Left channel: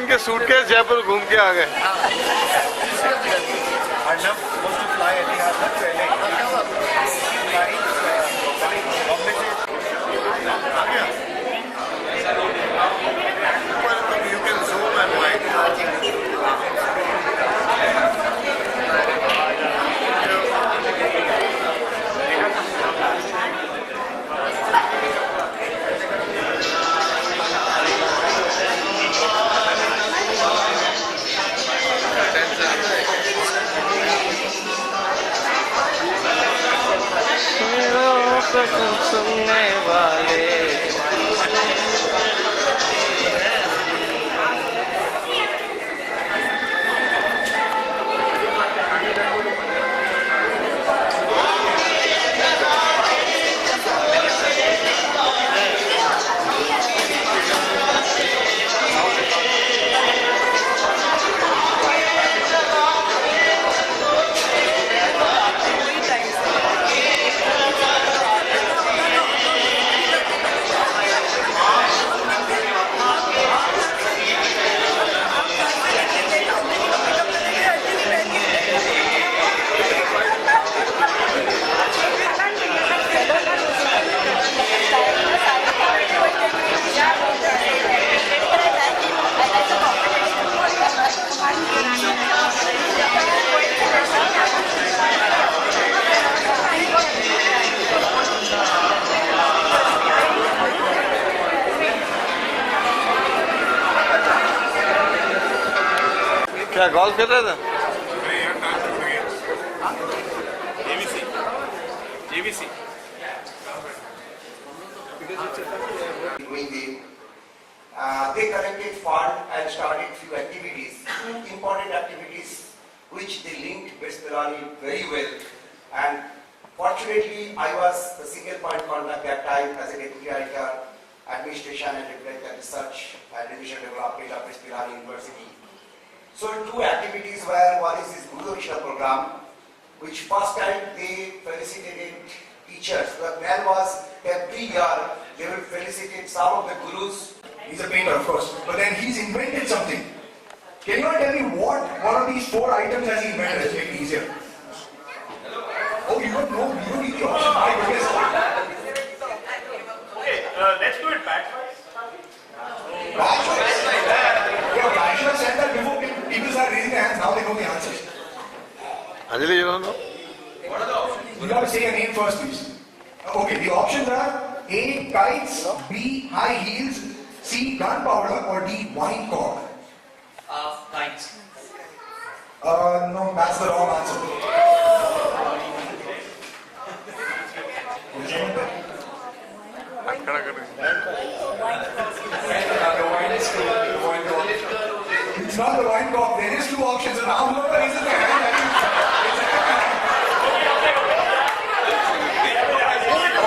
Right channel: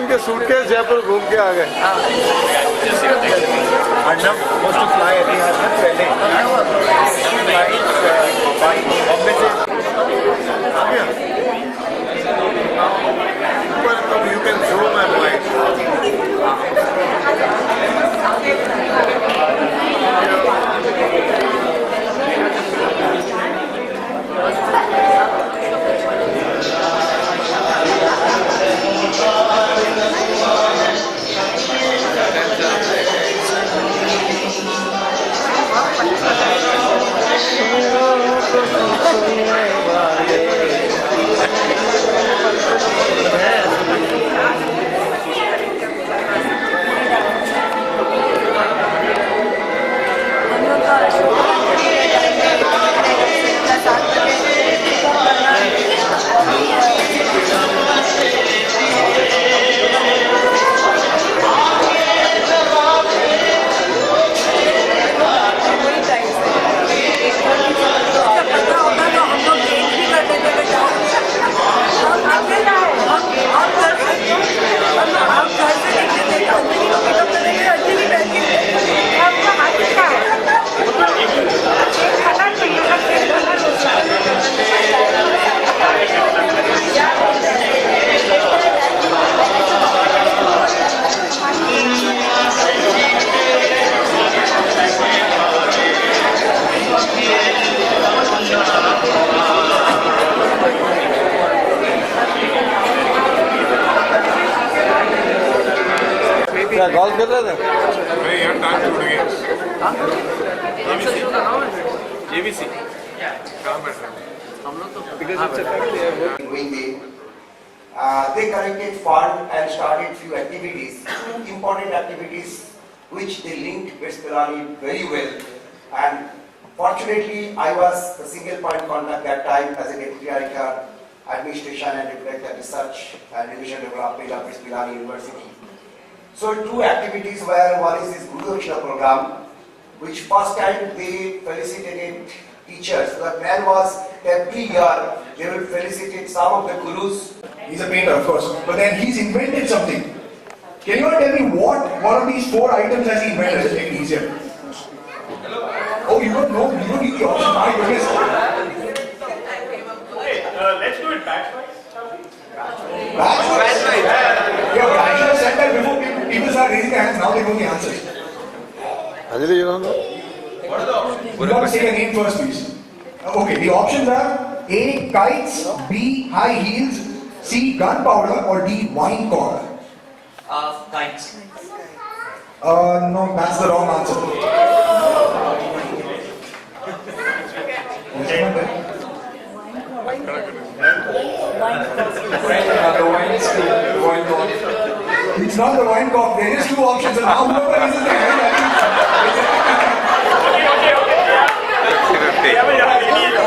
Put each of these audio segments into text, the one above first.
इनके सूटकेस जयपुर घूम के आ गए। Arnab was to fly Etihad पहले बॉम्बे से आ गया ऊपर, तब you can zoom and wide. क्या गोल खेल रहे थे? नहीं यार, टाइम छूट गया। जेबीसी कहाँ बैठ रहे? They collected fund and started few activities, two important activities which they linked BitsAA very well. And fortunately, I was the single point contact that time as a Deputy Director, Administration and Director Research and Division Development of BitsAA University. So two activities were, one is this Guru Dakshina program, which first time they felicitated teachers. The plan was every year they will felicitate some of the gurus. He's a painter, of course, but then he's invented something. Can you tell me what one of these 4 items has he invented to make it easier? Oh, you don't know? You don't need the option. My goodness. Hey, let's do it batch-wise. Batch-wise? Yeah, but I should have said that before people start raising their hands. Now they know the answers. Anjali, you don't know? What are the options? You have to say your name first, please. Okay, the options are A, kites, B, high heels, C, gunpowder, or D, wine cork. Kites. No, that's the wrong answer. It's not the wine cork. There is 2 options, and now whoever raises their hand,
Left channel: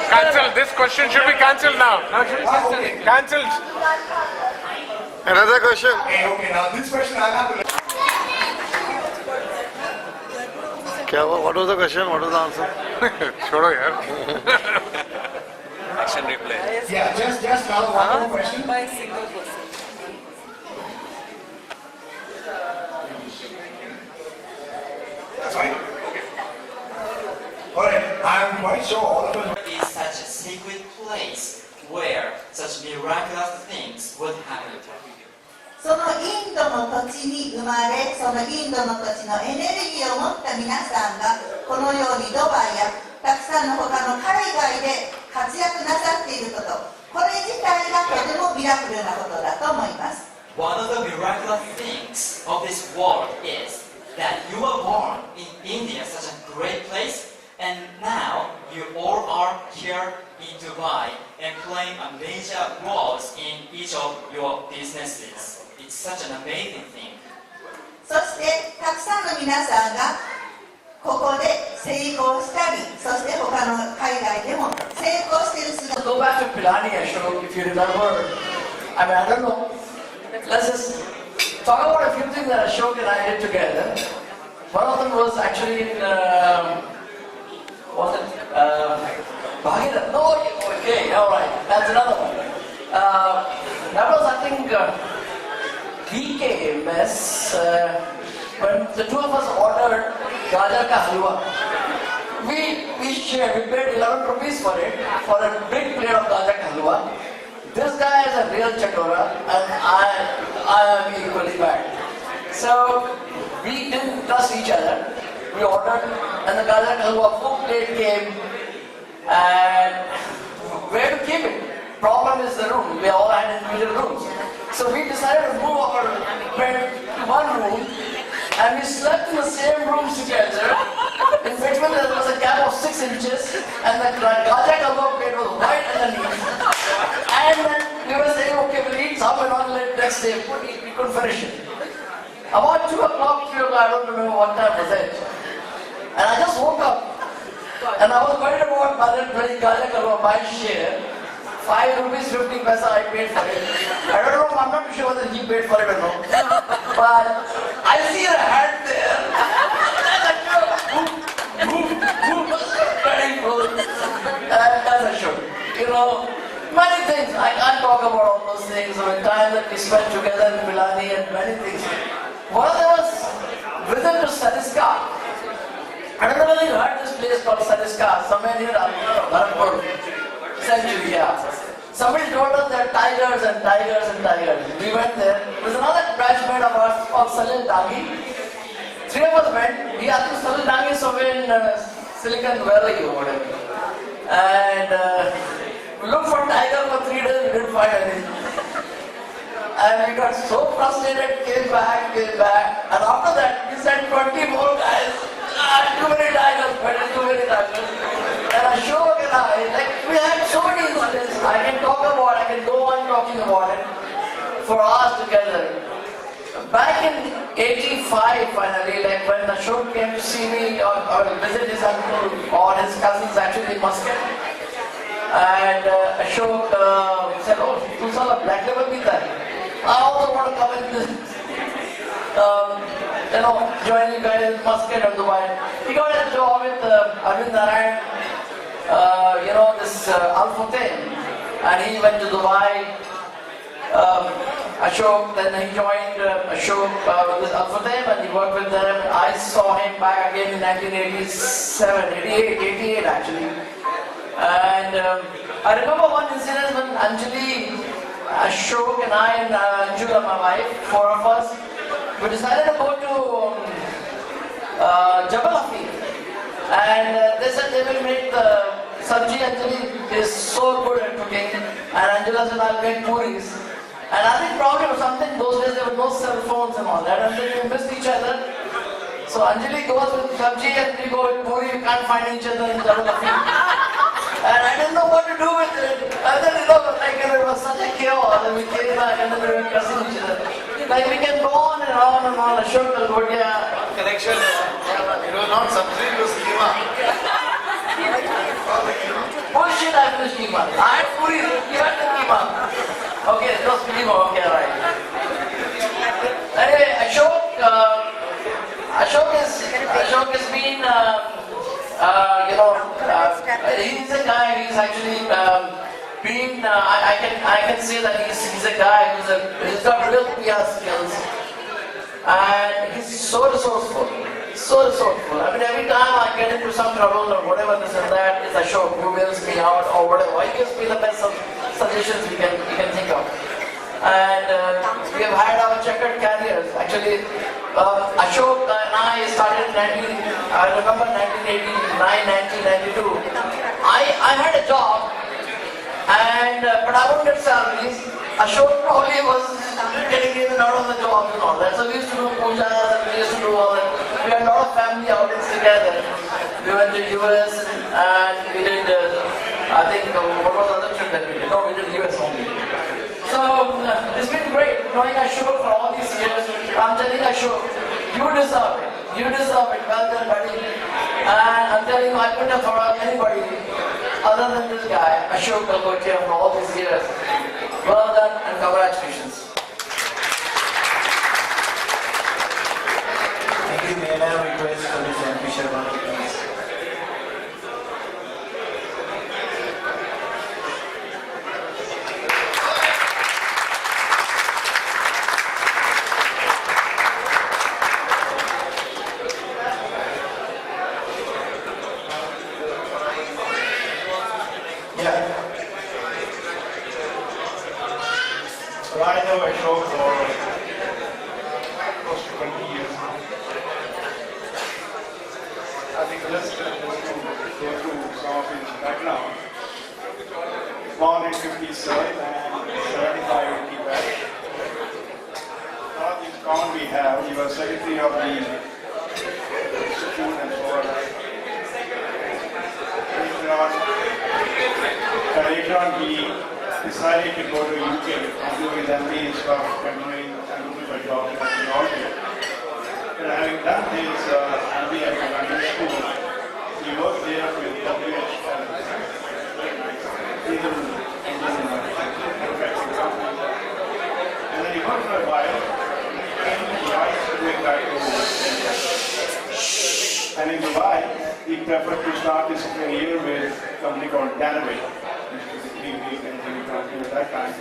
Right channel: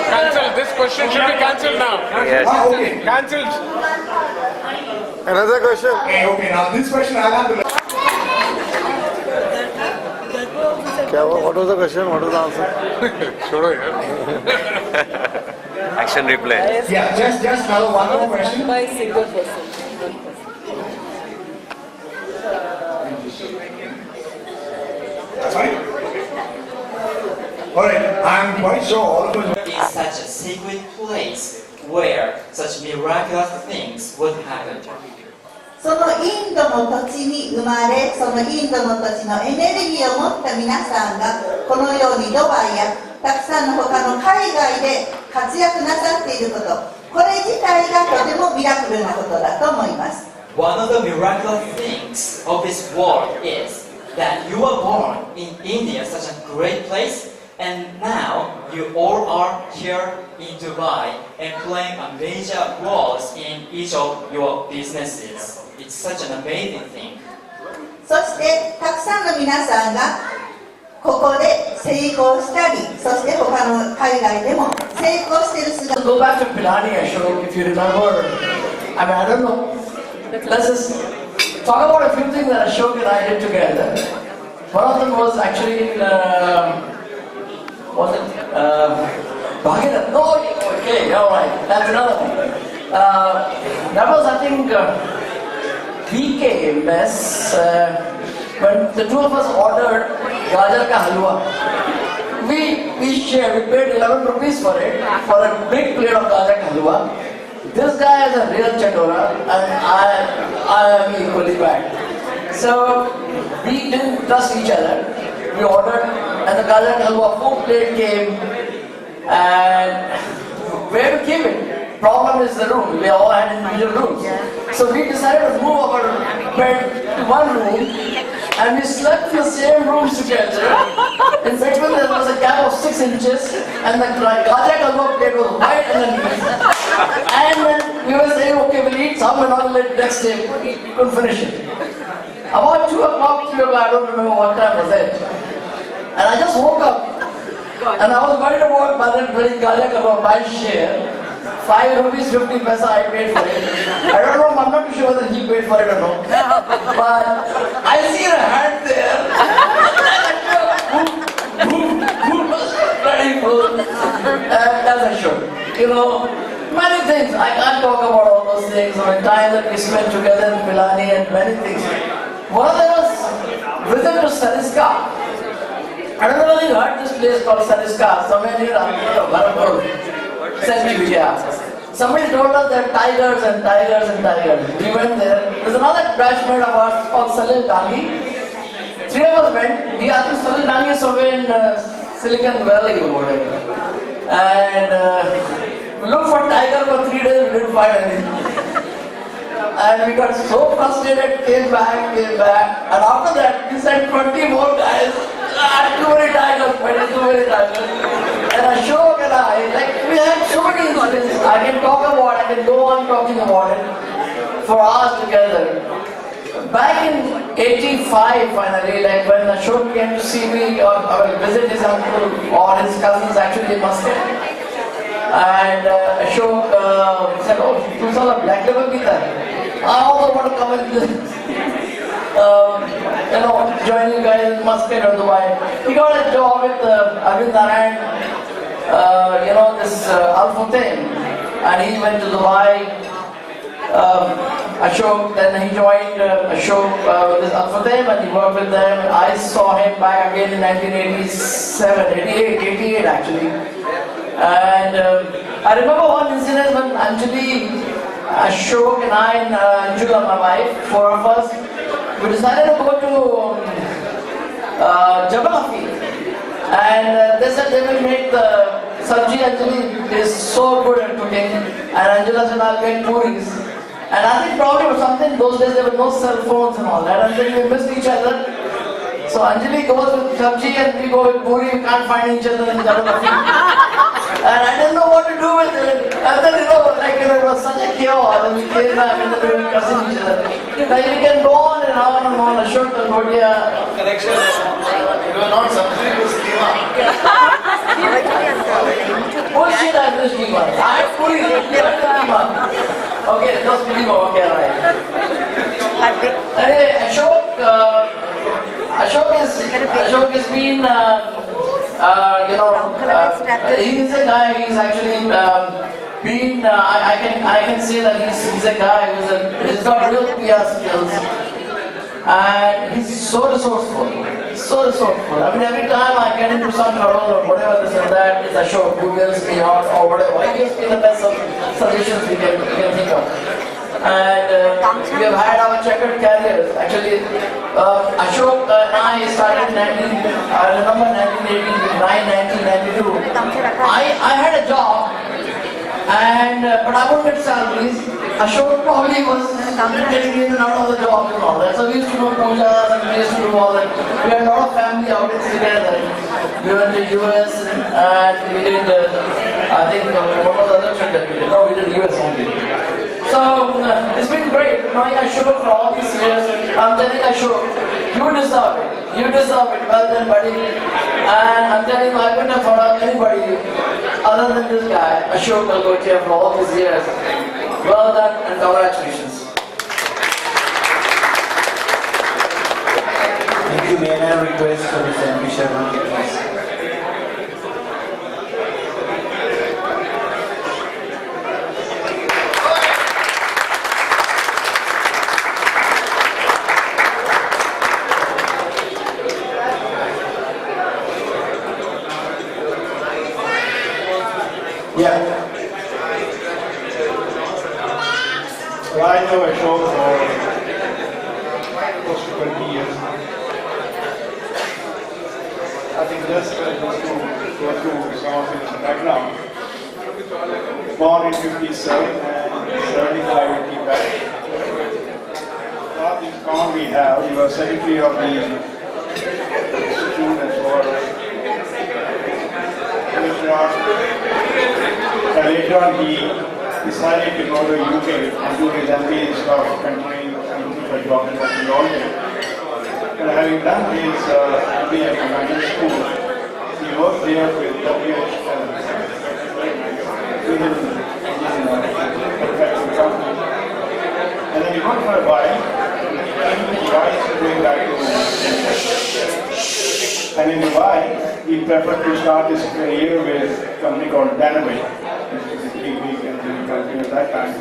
Cancel. This question should be cancelled now. okay. Cancelled. Another question. Okay, now this question I'll have to. What was the question? What was the answer? छोड़ो यार. Action replay. Yeah, just now one more question. By a single person. That's right. All right, I'm quite sure all of us. Is such a secret place where such miraculous things would happen. そのインドの土地に生まれ、そのインドの土地のエネルギーを持った皆さんがこのようにドバイやたくさんの他の海外で活躍なさっていること、これ自体がとてもミラクルなことだと思います。One of the miraculous things of this world is that you were born in India, such a great place, and now you all are here in Dubai and playing a major role in each of your businesses. It's such an amazing thing. そしてたくさんの皆さんがここで成功したり、そして他の海外でも成功している姿。 Go back to Pilani, Ashok, if you remember. I mean, I don't know. Let's just talk about a few things that Ashok and I did together. One of them was actually in, was it Bharat? No, okay, all right. That's another one. That was, I think, BK mess, when the two of us ordered gajar ka halwa, we shared, we paid 11 rupees for it, for a big plate of gajar ka halwa. This guy is a real chatora and I am equally bad. So we didn't trust each other. We ordered and the gajar ka halwa full plate came, and where to keep it? Problem is the room. We all had individual rooms. So we decided to move our bed to one room and we slept in the same rooms together. In between there was a gap of 6 inches and the gajar ka halwa plate was right underneath. And then we were saying, okay, we'll eat some and all next day. We couldn't finish it. About 2 o'clock, 3 o'clock, I don't remember what time was it. And I just woke up and I was worried about Bharat winning gajar ka halwa, my share. 5 rupees 50 paisa I paid for it. I don't know, I'm not sure whether he paid for it or not. But I see a hand there. And that's a show. You know, many things. I can't talk about all those things. I mean, time that we spent together in Milani and many things. One of them was visit to Sariska. I don't know whether you heard this place called Sariska, somewhere near Bharat. Century, yeah. Somebody told us there are tigers and tigers and tigers. We went there. There's another batchmate of ours called Salil Dangi. 3 of us went. I think Salil Dangi is somewhere in Silicon Valley or whatever. And we looked for tiger for 3 days, we didn't find anything. And we got so frustrated, came back. And after that, we sent 20 more guys. Too many tigers, too many tigers. And Ashok and I, like, we had so many incidents. I can talk about it, I can go on talking about it for hours together. Back in 85, finally, like when Ashok came to see me or visit his uncle or his cousins actually in Muscat. And Ashok said, oh, tu sala black label pita hai. I also want to come and join you guys in Muscat or Dubai. He got a job with Narayan, this Al-Futain, and he went to Dubai. Ashok, then he joined Ashok with Al-Futain and he worked with them. And I saw him back again in 1987, 88 actually. And I remember one incident when Anjali, Ashok and I and Anjula, my wife, 4 of us, we decided to go to Jabal Hafiz. And they said they will make the sabji. Anjali is so good at cooking. And Anjula said, I'll make puris. And I think probably was something, those days there were no cell phones and all that. And then we missed each other. So Anjali goes with sabji and we go with puri. We can't find each other in Jabal Hafiz. And I didn't know what to do with it. And then, it was such a chaos. And we came back and then we were cursing each other. Like, we can go on and on and on. Ashok Talgodia. Correction. You are not something to schema. Bullshit, I finished schema. I had puri. Schema. Okay, no schema. Okay, right. Hey, Ashok has been, he's a guy, he's actually I can say that he's a guy who's got real PR skills. And he's so resourceful. I mean, every time I get into some trouble or whatever this and that, it's Ashok who bails me out or whatever. He gives me the best solutions we can think of. And we have had our checkered careers. Actually, Ashok and I started in 1992. I had a job, but I won't get salaries. Ashok probably was getting in and out of the job and all that. So we used to do pujas and we used to do all that. We had a lot of family outings together. We went to US and we did, I think, what was the other trip that we did? No, we did US only. So it's been great knowing Ashok for all these years. I'm telling Ashok, you deserve it. You deserve it. Well done, buddy. And I'm telling you, I couldn't have thought of anybody other than this guy, Ashok Talgotia, for all these years. Well done and congratulations. Thank you. May I request Mr. Sharma, please? show for close to 20 years now. I think just to go through some of his background. Born in 57 and 75 in Tibet. One of these common we have, he was secretary of the institute and so on. Later on he decided to go to UK and do his MBA and stuff, continuing and looking for jobs that we all did. And having done his MBA from London School, he worked there with WHL, Indian manufacturing company. And then he worked for a while, and then he came to Dubai, doing back to India. And in Dubai, he preferred to start his career with a company called Danaway, which was a big engineering company at that time.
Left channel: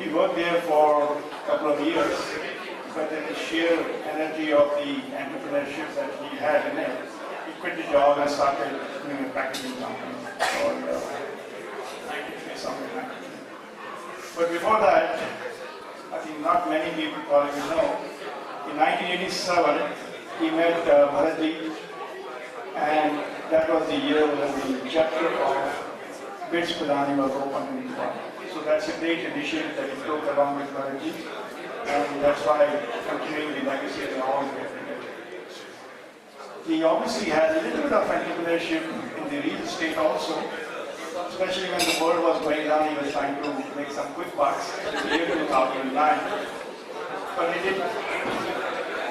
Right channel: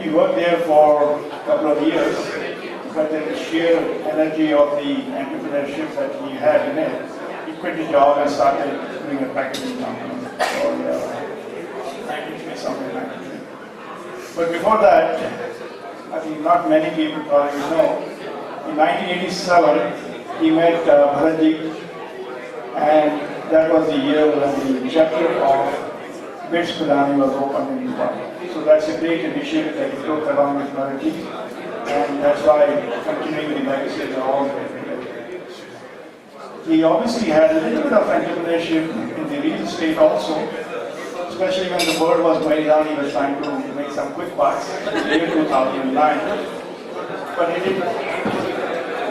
He worked there for a couple of years, but then the sheer energy of the entrepreneurship that he had in it, he quit the job and started doing a packaging company called 93 something like that. But before that, I think not many people probably know, in 1987, he met Bharat, and that was the year when the chapter of BitsAA was opened in Dubai. So that's a great initiative that he took along with Bharat, and that's why continuing the legacy is all here today. He obviously had a little bit of entrepreneurship in the real estate also, especially when the world was going down, he was trying to make some quick bucks in the year 2009. But he did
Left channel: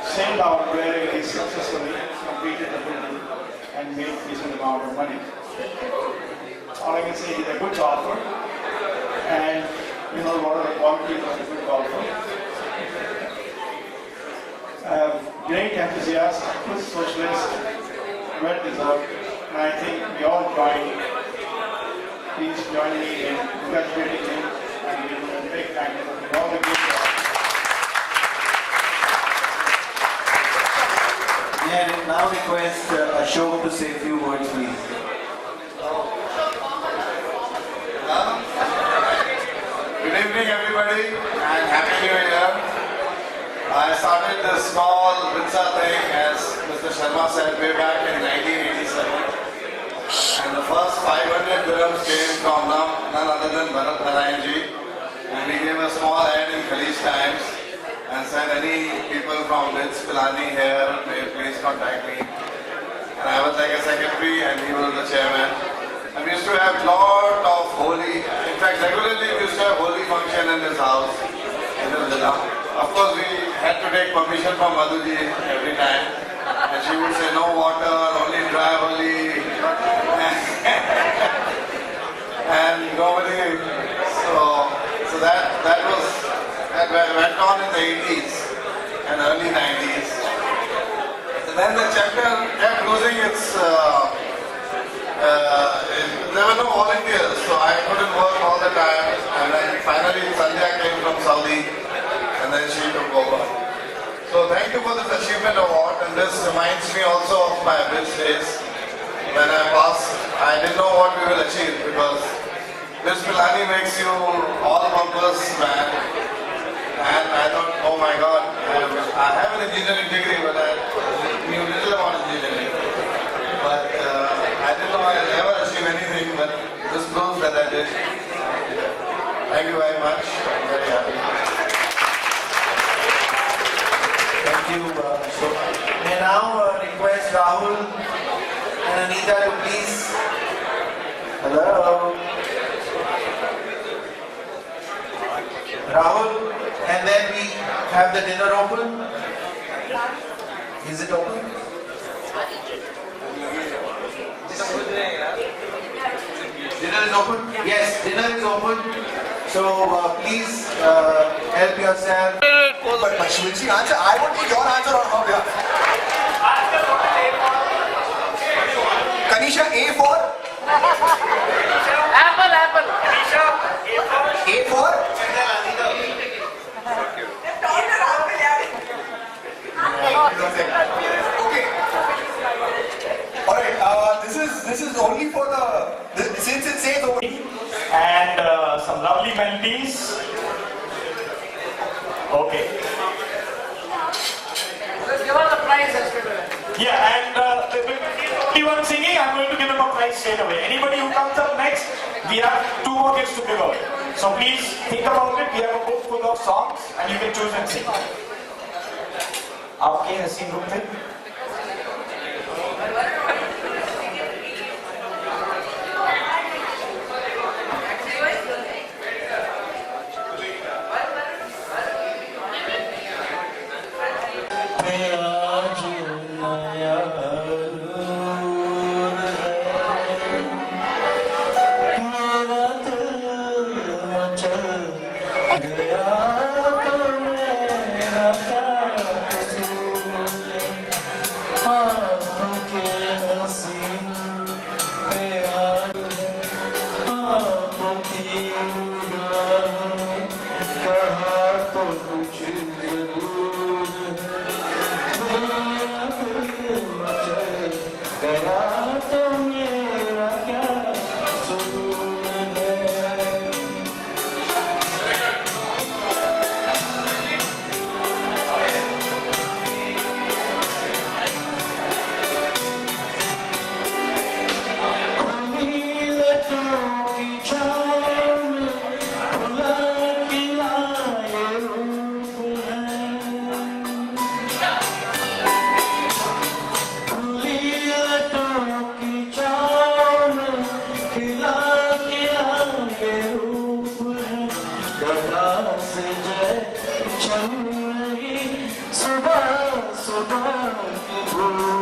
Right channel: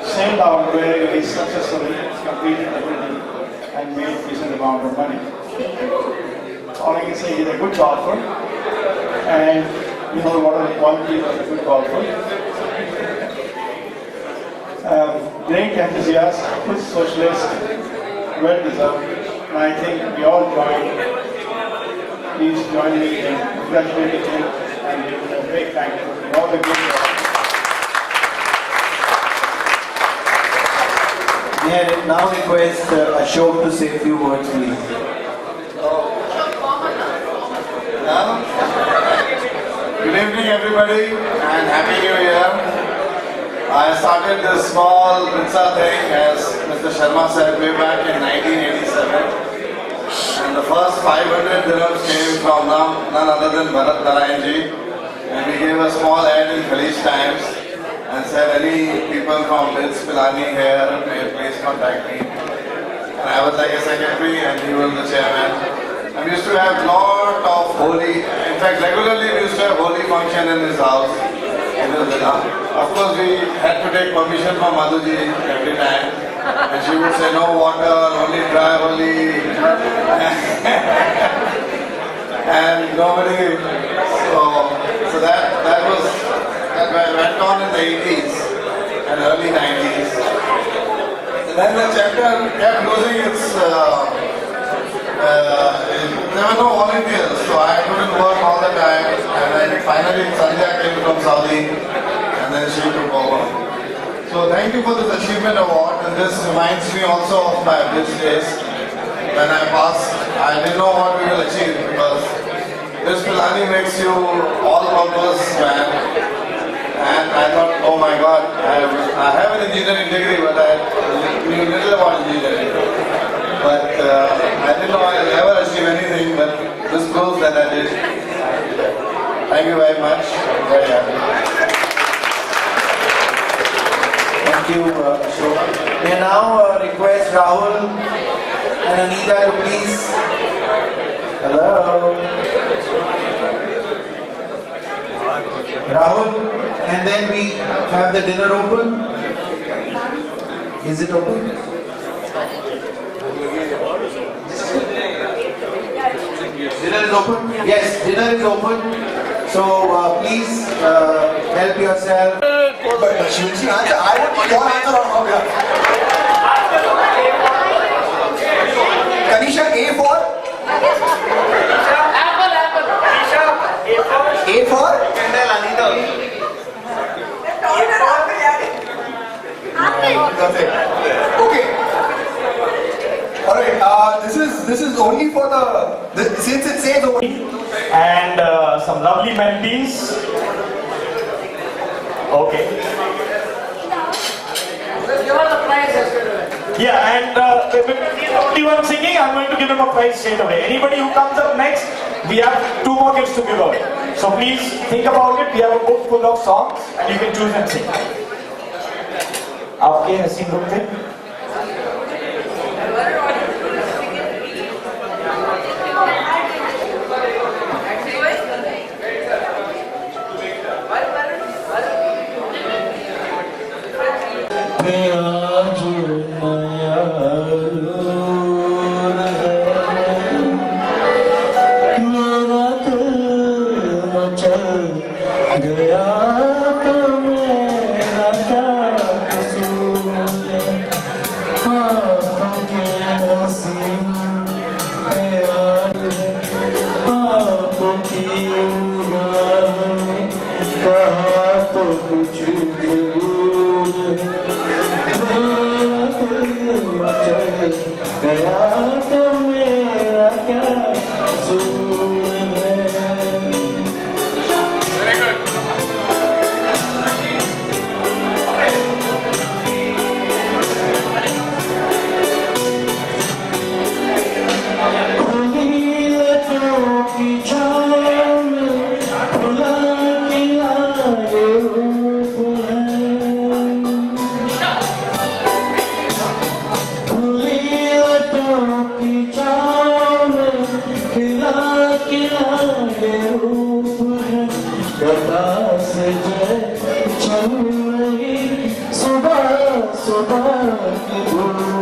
sail down where he successfully completed the building and made a decent amount of money. All I can say, he's a good golfer, and you know what are the qualities of a good golfer. Great enthusiast, good socialist, well deserved, and I think we all please join me in congratulating him and giving him a big thank you for all the good work. May I now request Ashok to say a few words, please. Good evening, everybody, and Happy New Year. I started this small BitsAA thing, as Mr. Sharma said, way back in 1987. And the first 500 dirhams came from none other than Bharat Narayan ji. And we gave a small ad in Khalij Times and said, any people from BitsAA here, may please contact me. And I was like a secretary and he was the chairman. And we used to have lot of holy, in fact regularly we used to have holy function in his house, in his villa. Of course we had to take permission from Madhuji every time. And she would say no water, only dry holy. And nobody, so that went on in the 80s and early 90s. And then the chapter kept losing its, there were no volunteers, so I couldn't work all the time. And then finally Sandhya came from Saudi, and then she took over. So thank you for this achievement award, and this reminds me also of my Blitz days. When I passed, I didn't know what we will achieve, because BitsAA makes you all-purpose man. And I thought, oh my God, I have an engineering degree, but I knew little about engineering. But I didn't know I'd ever achieve anything, but this proves that I did. Thank you very much. I'm very happy. Thank you, Ashok. May I now request Rahul and Anita to please. Hello. Rahul, and then we have the dinner open. Is it open? Dinner is open? Yes, dinner is open. So please help yourself. But Shivji, answer. I want your answer on how. Kanisha, A for? Apple. Kanisha, A for? Okay. All right. This is only for since it says over. And some lovely melodies. Okay. Yeah, and because he's the only one singing, I'm going to give him a prize straight away. Anybody who comes up next, we have 2 more gifts to give away. So please think about it. We have a book full of songs and you can choose and sing. आपके हसीन रूप थे? सुबह सुबह